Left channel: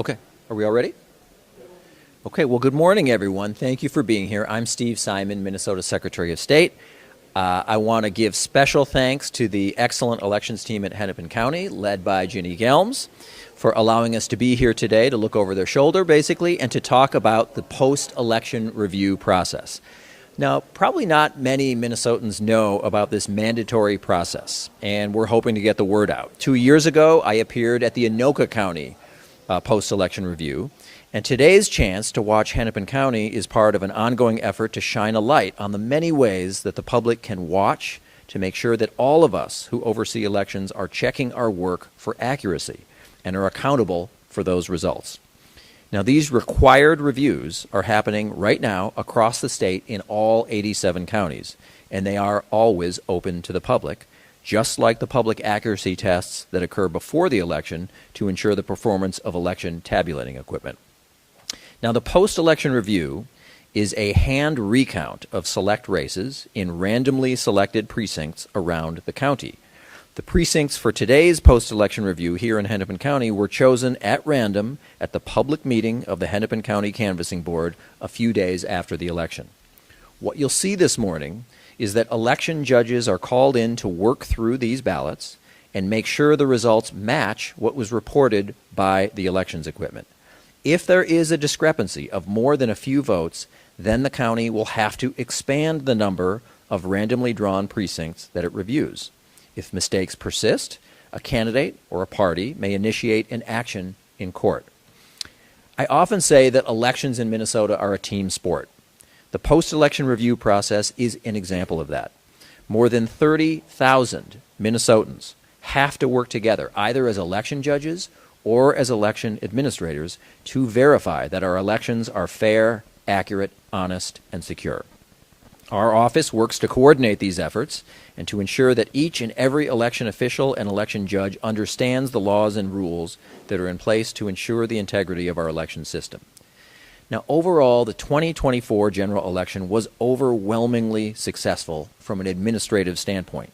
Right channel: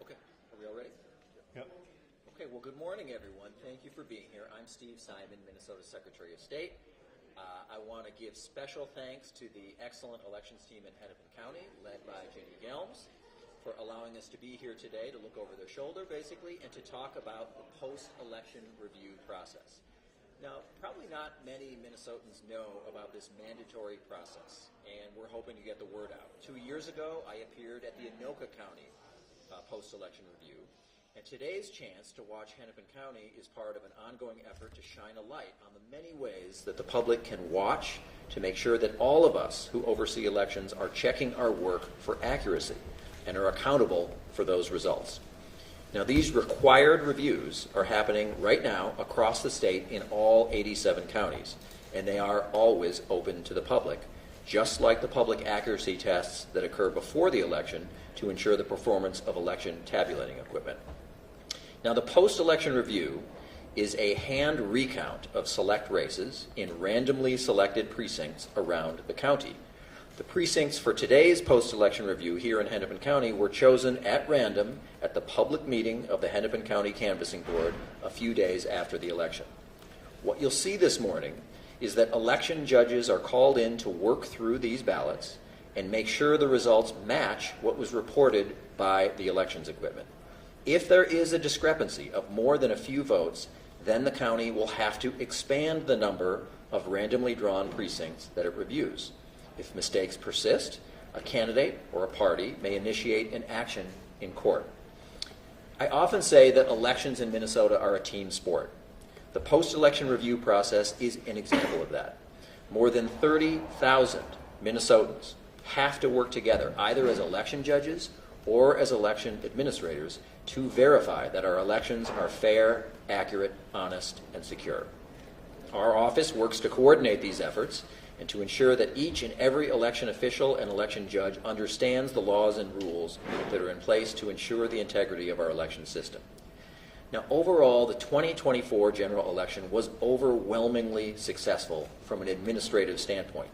Okay, are we all ready? Okay, well, good morning, everyone. Thank you for being here. I'm Steve Simon, Minnesota Secretary of State. I want to give special thanks to the excellent elections team at Hennepin County, led by Ginny Gelms, for allowing us to be here today to look over their shoulder, basically, and to talk about the post-election review process. Now, probably not many Minnesotans know about this mandatory process, and we're hoping to get the word out. 2 years ago, I appeared at the Anoka County post-election review, and today's chance to watch Hennepin County is part of an ongoing effort to shine a light on the many ways that the public can watch to make sure that all of us who oversee elections are checking our work for accuracy and are accountable for those results. Now, these required reviews are happening right now across the state in all 87 counties, and they are always open to the public, just like the public accuracy tests that occur before the election to ensure the performance of election tabulating equipment. Now, the post-election review is a hand recount of select races in randomly selected precincts around the county. The precincts for today's post-election review here in Hennepin County were chosen at random at the public meeting of the Hennepin County Canvassing Board a few days after the election. What you'll see this morning is that election judges are called in to work through these ballots and make sure the results match what was reported by the elections equipment. If there is a discrepancy of more than a few votes, then the county will have to expand the number of randomly drawn precincts that it reviews. If mistakes persist, a candidate or a party may initiate an action in court. I often say that elections in Minnesota are a team sport. The post-election review process is an example of that. More than 30,000 Minnesotans have to work together, either as election judges or as election administrators, to verify that our elections are fair, accurate, honest, and secure. Our office works to coordinate these efforts and to ensure that each and every election official and election judge understands the laws and rules that are in place to ensure the integrity of our election system. Now, overall, the 2024 general election was overwhelmingly successful from an administrative standpoint.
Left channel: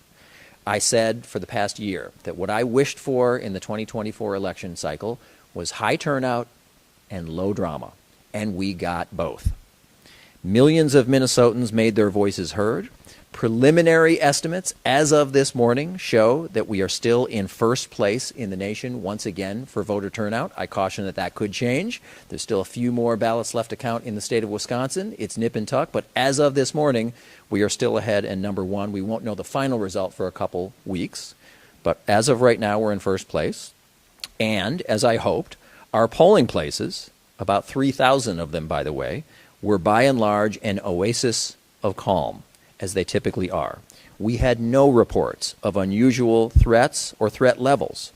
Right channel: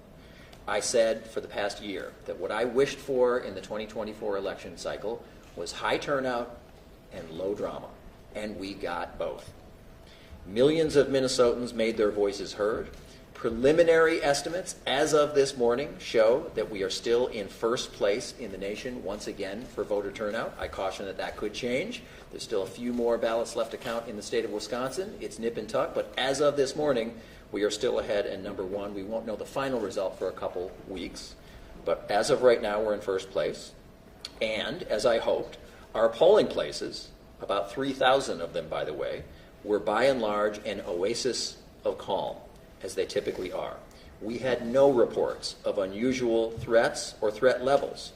I said for the past year that what I wished for in the 2024 election cycle was high turnout and low drama, and we got both. Millions of Minnesotans made their voices heard. Preliminary estimates as of this morning show that we are still in first place in the nation once again for voter turnout. I caution that that could change. There's still a few more ballots left to count in the state of Wisconsin. It's nip and tuck, but as of this morning, we are still ahead and number one. We won't know the final result for a couple weeks, but as of right now, we're in first place. And as I hoped, our polling places, about 3,000 of them, by the way, were by and large an oasis of calm, as they typically are. We had no reports of unusual threats or threat levels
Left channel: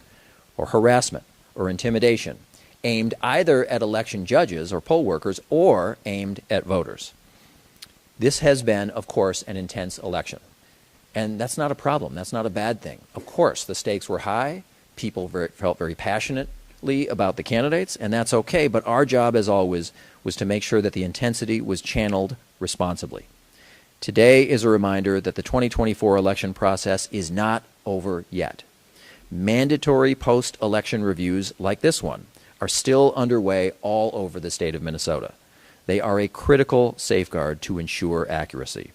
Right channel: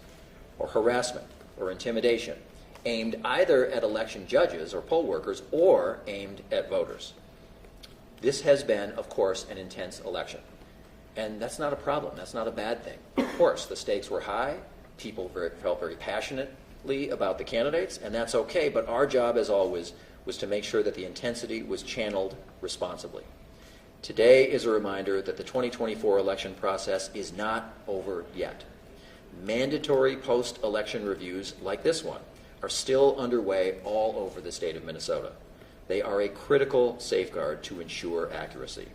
or harassment or intimidation aimed either at election judges or poll workers or aimed at voters. This has been, of course, an intense election. And that's not a problem. That's not a bad thing. Of course, the stakes were high. People felt very passionately about the candidates, and that's okay. But our job, as always, was to make sure that the intensity was channeled responsibly. Today is a reminder that the 2024 election process is not over yet. Mandatory post-election reviews like this one are still underway all over the state of Minnesota. They are a critical safeguard to ensure accuracy.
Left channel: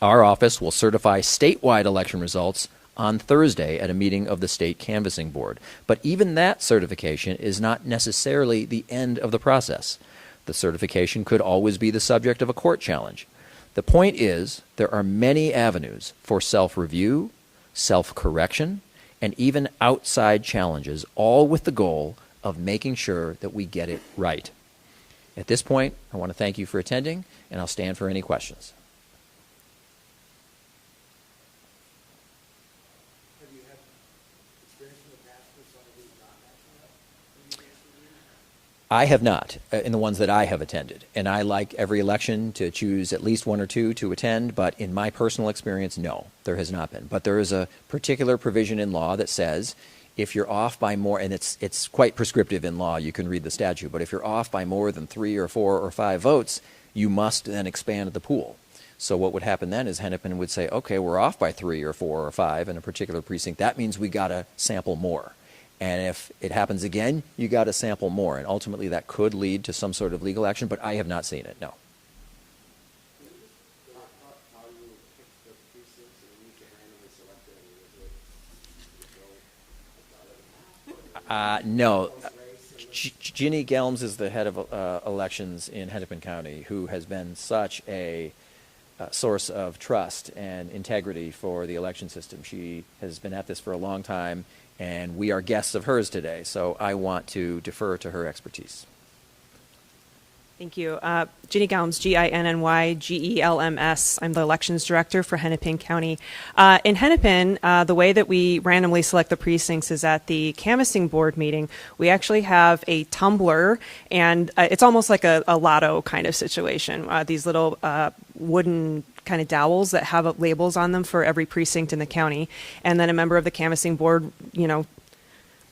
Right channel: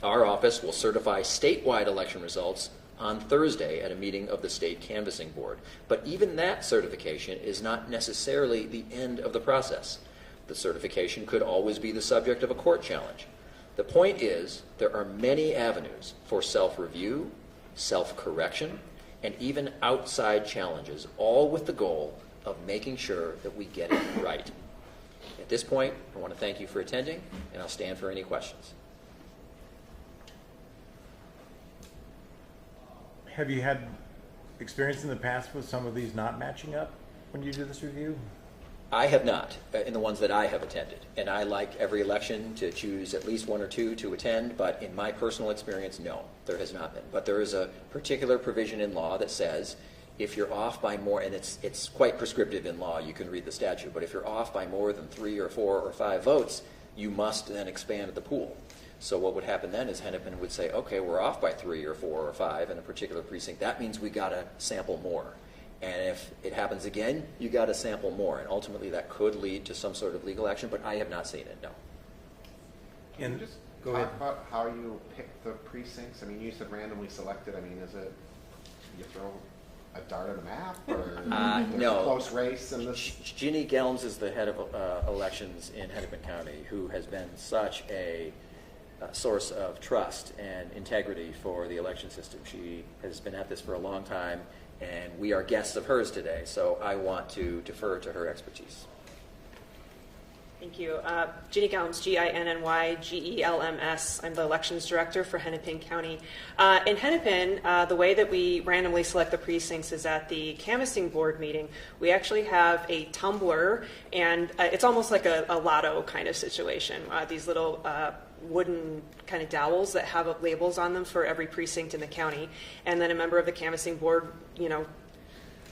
Our office will certify statewide election results on Thursday at a meeting of the State Canvassing Board. But even that certification is not necessarily the end of the process. The certification could always be the subject of a court challenge. The point is, there are many avenues for self-review, self-correction, and even outside challenges, all with the goal of making sure that we get it right. At this point, I want to thank you for attending, and I'll stand for any questions. Have you had experience in the past with some of these not matching up when you do this review? I have not, in the ones that I have attended. And I like every election to choose at least one or two to attend, but in my personal experience, no, there has not been. But there is a particular provision in law that says if you're off by more, and it's quite prescriptive in law, you can read the statute, but if you're off by more than 3 or 4 or 5 votes, you must then expand the pool. So what would happen then is Hennepin would say, okay, we're off by 3 or 4 or 5 in a particular precinct. That means we got to sample more. And if it happens again, you got to sample more. And ultimately, that could lead to some sort of legal action, but I have not seen it, no. Can you just Go talk ahead. about how you pick the precincts? I mean, you said randomly selected. I mean, is it you throw a dart at a map or No. close race? And this? Ginny Gelms is the head of elections in Hennepin County, who has been such a source of trust and integrity for the election system. She has been at this for a long time, and we are guests of hers today, so I want to defer to her expertise. Thank you. Ginny Gelms, Ginny Gelms. I'm the elections director for Hennepin County. In Hennepin, the way that we randomly select the precincts is at the canvassing board meeting. We actually have a tumbler, and it's almost like a lotto kind of situation. These little wooden kind of dowels that have labels on them for every precinct in the county. And then a member of the canvassing board,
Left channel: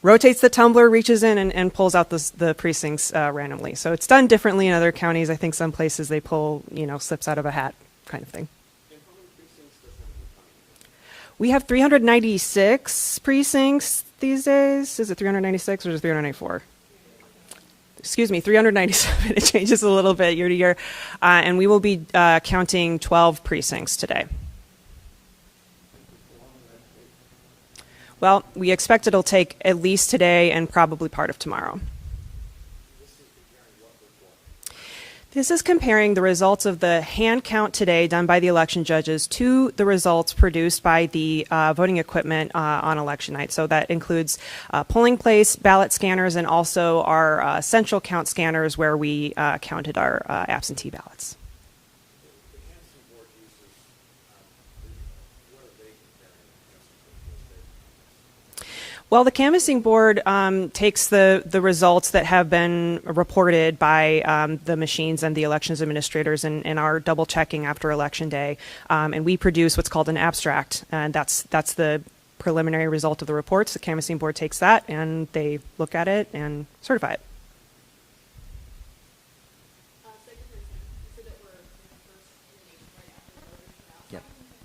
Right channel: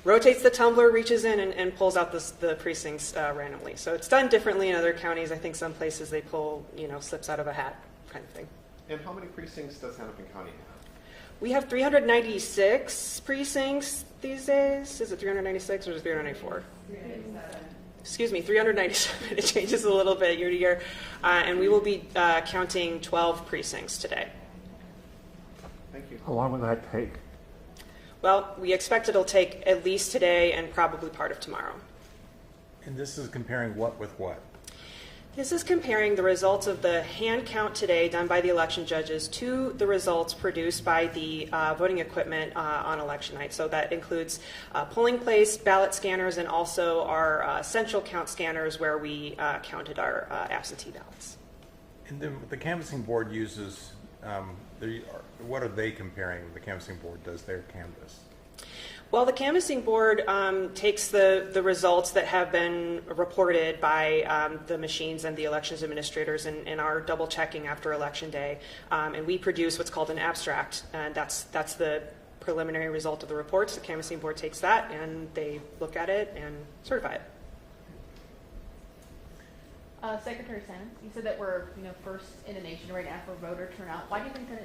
rotates the tumbler, reaches in, and pulls out the precincts randomly. So it's done differently in other counties. I think some places they pull, slips out of a hat kind of thing. And how many precincts does Hennepin County have? We have 396 precincts these days. Is it 396 or is it 394? Excuse me, 397. It changes a little bit year to year. And we will be counting 12 precincts today. Thank you. How long will that take? Well, we expect it'll take at least today and probably part of tomorrow. And this is comparing what with what? This is comparing the results of the hand count today done by the election judges to the results produced by the voting equipment on election night. So that includes polling place, ballot scanners, and also our central count scanners where we counted our absentee ballots. And then the canvassing board uses, what are they comparing? The canvassing board does their canvass. Well, the canvassing board takes the results that have been reported by the machines and the elections administrators and are double checking after election day, and we produce what's called an abstract, and that's the preliminary result of the reports. The canvassing board takes that and they look at it and certify it. Secretary Salmon, you said that we're first in the nation right now for voter turnout. Why do you think that is?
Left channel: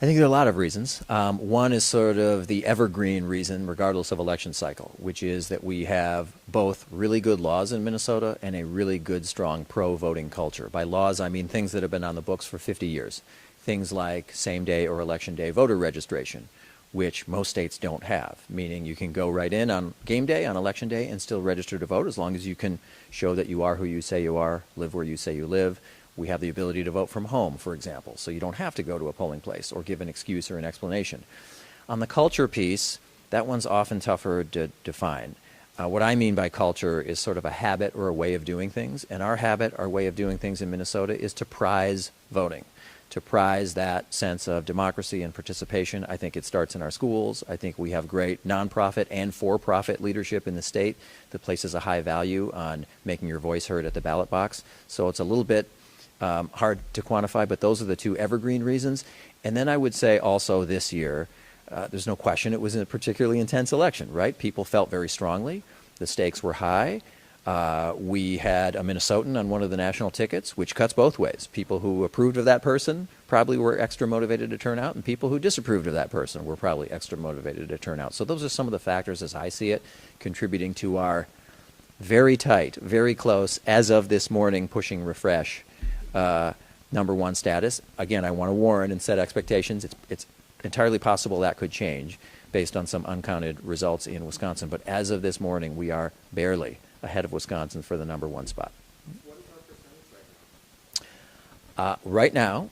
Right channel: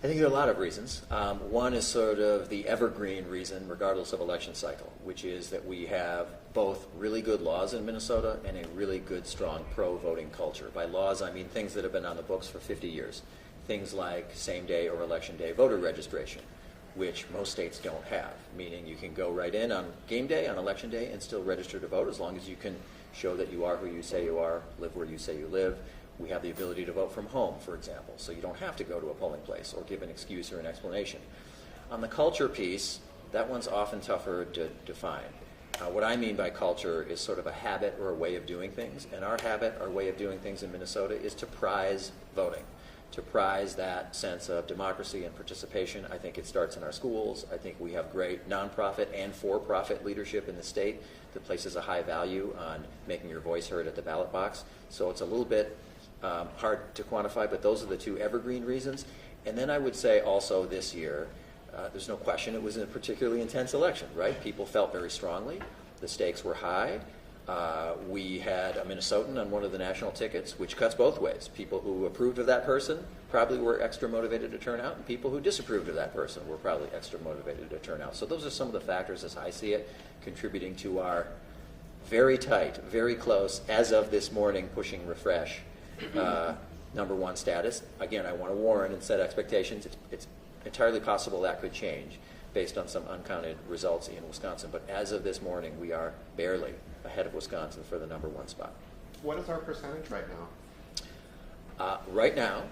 I think there are a lot of reasons. One is sort of the evergreen reason, regardless of election cycle, which is that we have both really good laws in Minnesota and a really good, strong pro-voting culture. By laws, I mean things that have been on the books for 50 years. Things like same-day or election day voter registration, which most states don't have, meaning you can go right in on game day, on election day, and still register to vote as long as you can show that you are who you say you are, live where you say you live. We have the ability to vote from home, for example, so you don't have to go to a polling place or give an excuse or an explanation. On the culture piece, that one's often tougher to define. What I mean by culture is sort of a habit or a way of doing things, and our habit, our way of doing things in Minnesota is to prize voting, to prize that sense of democracy and participation. I think it starts in our schools. I think we have great nonprofit and for-profit leadership in the state that places a high value on making your voice heard at the ballot box. So it's a little bit hard to quantify, but those are the two evergreen reasons. And then I would say also this year, there's no question it was a particularly intense election, right? People felt very strongly. The stakes were high. We had a Minnesotan on one of the national tickets, which cuts both ways. People who approved of that person probably were extra motivated to turn out, and people who disapproved of that person were probably extra motivated to turn out. So those are some of the factors, as I see it, contributing to our very tight, very close, as of this morning, pushing refresh #1 status. Again, I want to warn and set expectations. It's entirely possible that could change based on some uncounted results in Wisconsin. But as of this morning, we are barely ahead of Wisconsin for the #1 spot. What is our percentage right now? Right now,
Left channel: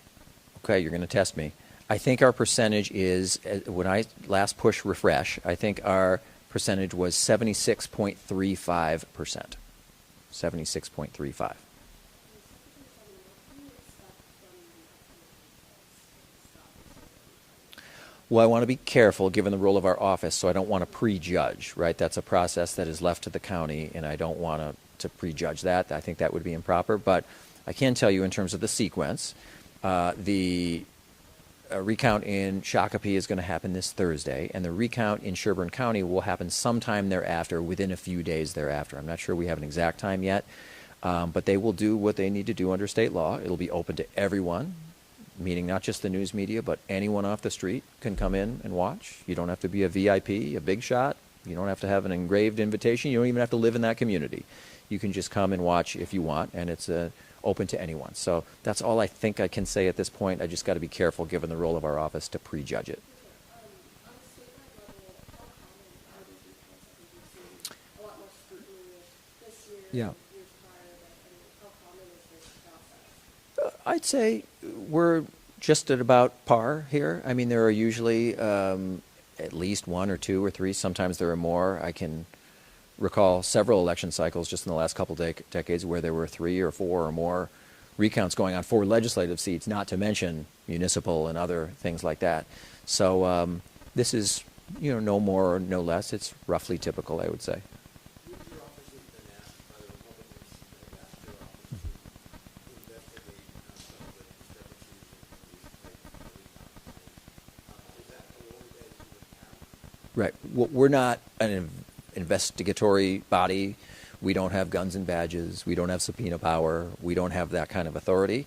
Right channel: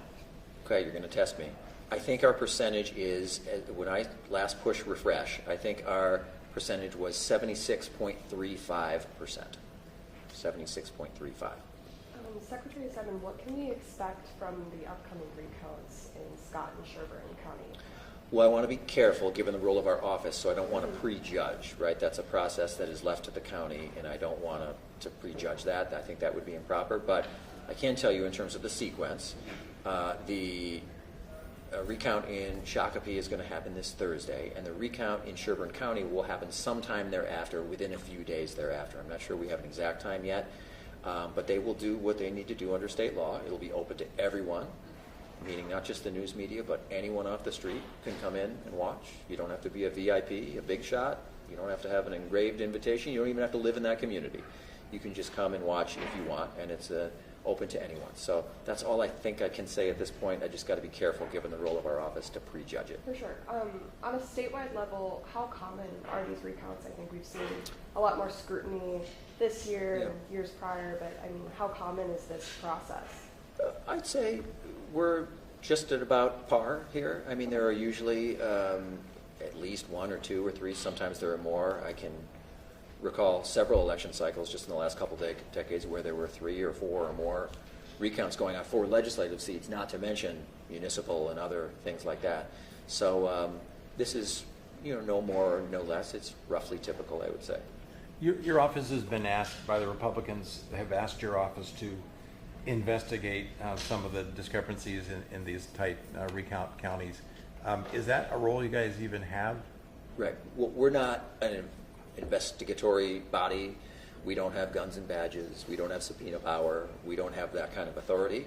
okay, you're going to test me. I think our percentage is, when I last pushed refresh, I think our percentage was 76.35%. 76.35. Secretary Simon, what can we expect from the upcoming recounts in Scott and Sherburne County? Well, I want to be careful given the role of our office, so I don't want to prejudge, right? That's a process that is left to the county, and I don't want to prejudge that. I think that would be improper, but I can tell you in terms of the sequence, the recount in Shakopee is going to happen this Thursday, and the recount in Sherburne County will happen sometime thereafter, within a few days thereafter. I'm not sure we have an exact time yet, but they will do what they need to do under state law. It'll be open to everyone, meaning not just the news media, but anyone off the street can come in and watch. You don't have to be a VIP, a big shot. You don't have to have an engraved invitation. You don't even have to live in that community. You can just come and watch if you want, and it's open to anyone. So that's all I think I can say at this point. I just got to be careful, given the role of our office, to prejudge it. For sure. On a statewide level, how common are these recounts? I think we've seen a lot more scrutiny this year, Yeah. years prior, but I mean, how common is this process? I'd say we're just at about par here. I mean, there are usually at least one or two or three. Sometimes there are more. I can recall several election cycles just in the last couple decades where there were 3 or 4 or more recounts going on for legislative seats, not to mention municipal and other things like that. So this is, no more or no less. It's roughly typical, I would say. Your office has been asked by the Republicans, have asked your office to investigate some of the discrepancies in these tight recount counties. Is that a role you guys even have? Right. We're not an investigatory body. We don't have guns and badges. We don't have subpoena power. We don't have that kind of authority.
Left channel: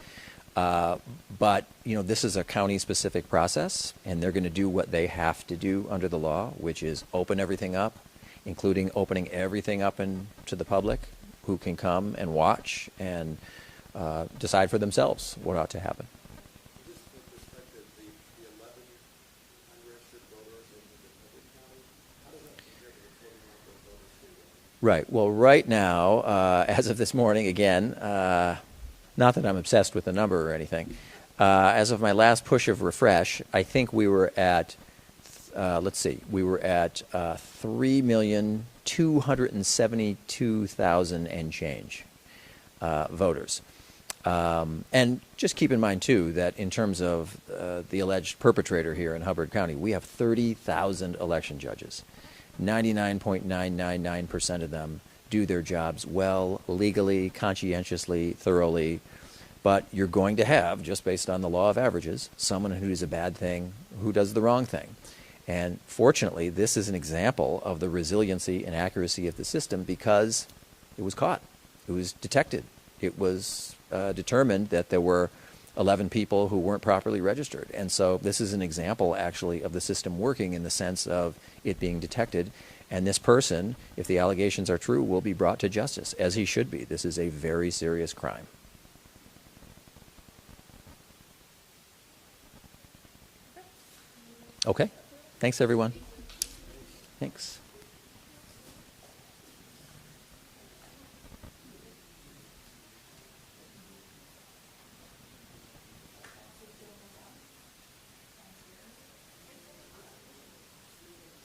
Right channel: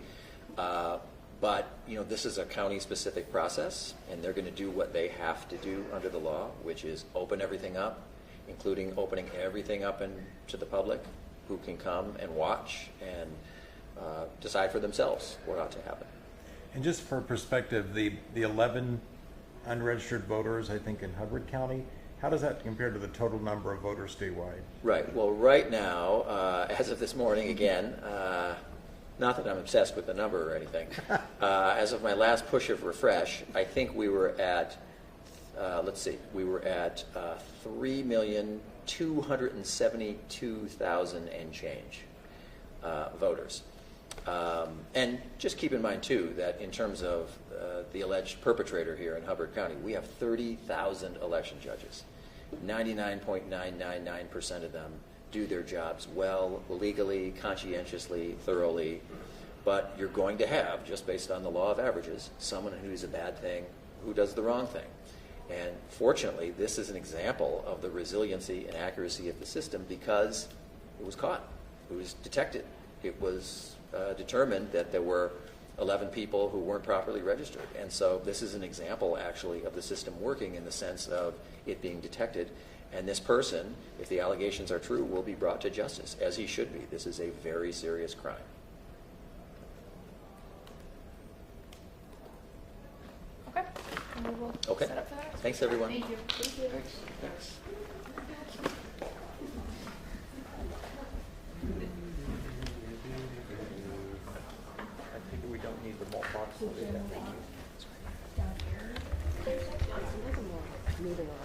But, this is a county-specific process, and they're going to do what they have to do under the law, which is open everything up, including opening everything up to the public, who can come and watch and decide for themselves what ought to happen. And just for perspective, the 11 unregistered voters, I think, in Hubbard County, how does that compare to the total number of voters statewide? Right. Well, right now, as of this morning, again, not that I'm obsessed with the number or anything, as of my last push of refresh, I think we were at, we were at 3,272,000 and change voters. And just keep in mind, too, that in terms of the alleged perpetrator here in Hubbard County, we have 30,000 election judges. 99.999% of them do their jobs well, legally, conscientiously, thoroughly. But you're going to have, just based on the law of averages, someone who does a bad thing, who does the wrong thing. And fortunately, this is an example of the resiliency and accuracy of the system because it was caught. It was detected. It was determined that there were 11 people who weren't properly registered. And so this is an example, actually, of the system working in the sense of it being detected. And this person, if the allegations are true, will be brought to justice, as he should be. This is a very serious crime. Okay. And we will Okay. set up for that. Thanks, everyone. Thank you. Thanks. I think we don't need the box. Down here. Moving around.